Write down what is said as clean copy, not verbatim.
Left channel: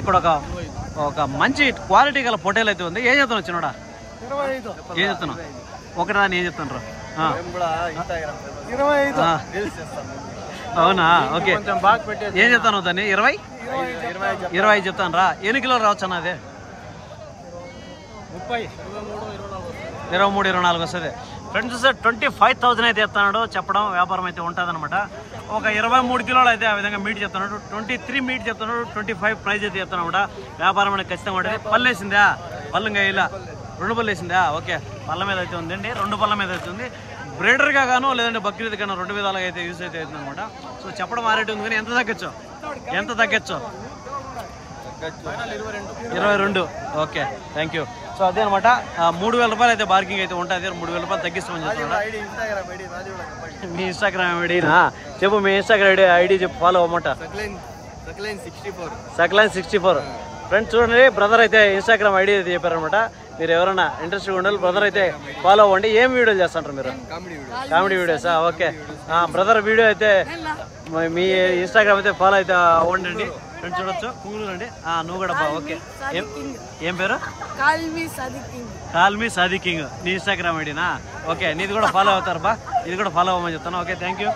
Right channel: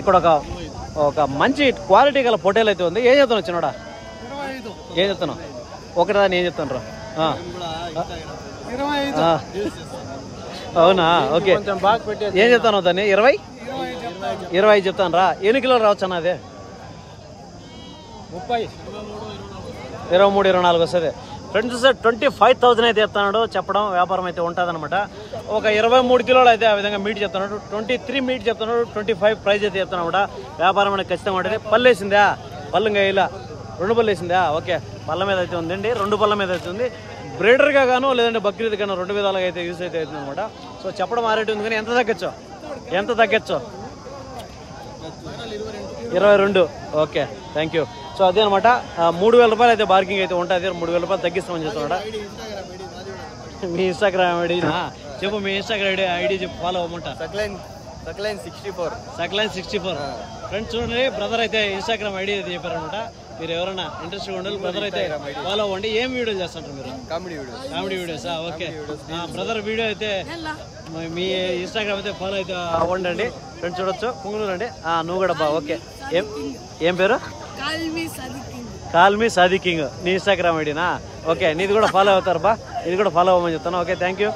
ఇక్కడ ఒక మంచి క్వాలిటీ గల పొటేల్ అయితే ఉంది. ఏం చెప్తాను వచ్చినాడా? ఏం చెప్తాను? ఒకదాన్ని ఏం చెప్తాను రా? అవునా? ఓకే, ఏం చెప్తాను దాన్ని? 20 చెప్తాను రా. ఎన్ని కిలోలు రావచ్చు అన్న? అదే 23, 24 వస్తుంది ఫ్రెండ్స్. 25,000 అయితే చెప్తున్నాడు. చెప్పడం వ్యాపారం అయితే ఉంటుంది అనమాట. ఒక 23 కిలోలు అయితే ఆ విధంగా మీట్ చెప్తున్నాడు. 23 మీట్ చెప్తున్నాడు. 25 ప్రైజ్ అయితే చెప్తున్నాడు. వ్యాపారం అనేది ఖచ్చితంగా ఉంటుంది. పళ్ళు వేసిందా? పళ్ళు ఇంకా ఇలా 2 పళ్ళు వేసిందా? ఓకే, పళ్ళ మీద అయితే ఉందండి. 2 పళ్ళ మీద అయితే ఉంది. బ్రీడర్ గా గాను లేదంటే బక్రీద్ గాను 2 విధాలుగా అయితే యూజ్ అయితే అవుతుంది అనమాట. సో చెప్పడం ఆ రేటు ఉంది. కానీ ఎంత తగ్గచ్చు? 22. Okay, thank you. సో అదే అనమాట. 3,000 రూపాయలు అయితే బార్గింగ్ అయితే ఉంటుంది. 3,000 రూపాయలు తగ్గిస్తామని చెప్తున్నా. మీ ఇన్స్టాగ్రామ్ ఐడి చెప్పు. మీ ఇన్స్టాగ్రామ్ ఐడి చెప్పు, ఫాలో అవ్వమంట. సక్లైన్ 64. ఫ్రెండ్స్ చూడండి, బ్రదర్ అయితే ఇన్స్టాగ్రామ్ ఐడి అయితే చెప్పారనమాట. మీరు ఎవరైనా ఇంట్రెస్ట్ ఉండాలి, బ్రదర్ అయితే ఫాలో అవ్వండి. ఏం వీడియోలు చేస్తుంటారు మీరు? కామెడీ వీడియోసా? ఓకే, బ్రదర్ వీడియో అయితే మీ ఇన్స్టాగ్రామ్ అయితే ఫాలో అయితే అవ్వండి ఫ్రెండ్స్. చూడొచ్చు, పుంగులు అండి. నువ్వు కూడా బాగా. ఓకే, ఏం పేరు? కాల్మీ సాది కింగ్. నీ ఇన్స్టాగ్రామ్ ఐడినా? ఓకే, నీది కూడా ఫాలో అవుతారు బా. ఇది కూడా ఫాలో అవ్వమని చెప్తాను. Okay, thank you.